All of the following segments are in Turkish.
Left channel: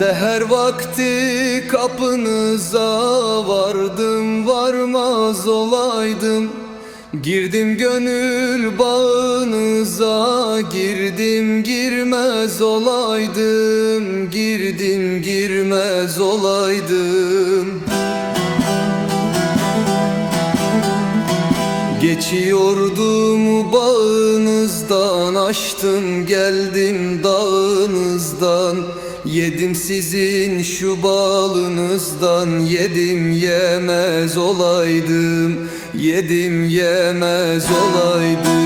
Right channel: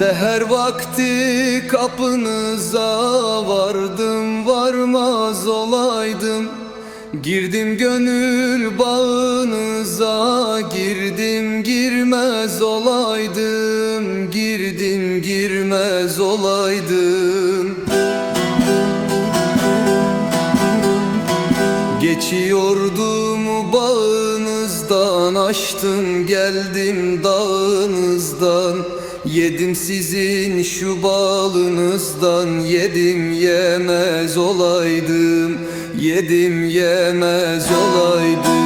Her vakti kapınıza vardım varmaz olaydım. Girdim gönül bağınıza girdim girmez olaydım. Girdim girmez olaydım. Geçiyordum bağınızdan Açtım geldim dağınızdan Yedim sizin şu balınızdan Yedim yemez olaydım Yedim yemez olaydım.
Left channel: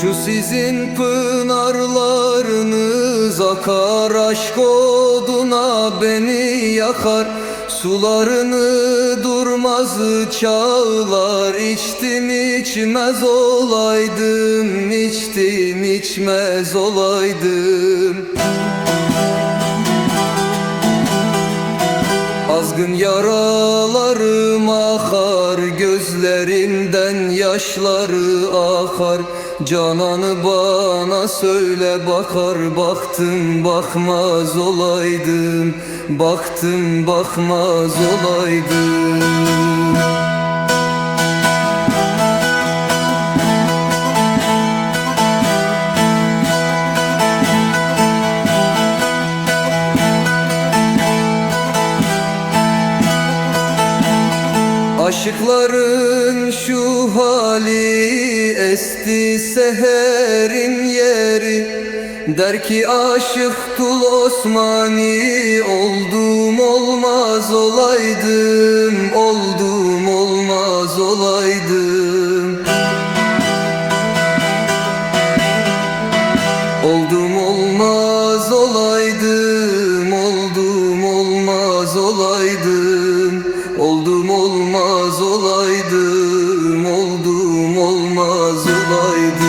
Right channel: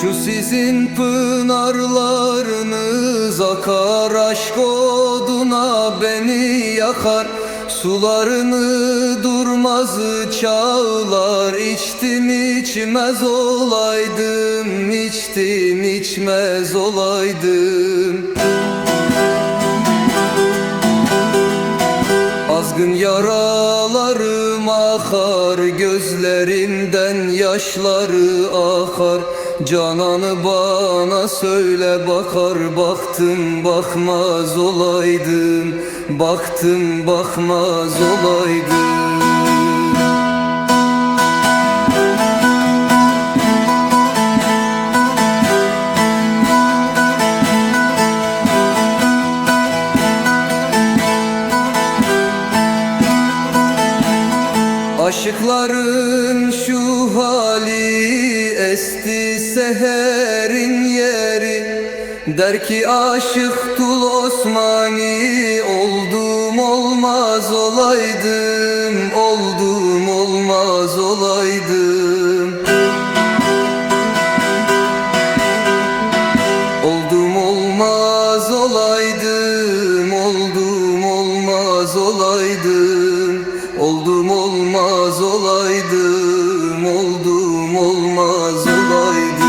Şu sizin pınarlarınız akar aşk oduna beni yakar Sularını durmaz çağlar içtim içmez olaydım içtim içmez olaydım. Azgın yaralarım akar Gözlerimden yaşları akar Cananı bana söyle bakar Baktım bakmaz olaydım. Baktım bakmaz olaydım Aşıkların şu hali esti seherin yeri. Der ki aşık tul Osmani Oldum olmaz olaydım Oldum olmaz olaydım. Oldum olmaz olaydım Oldum olmaz olaydım Oldum olmaz olaydım, oldum olmaz olaydım.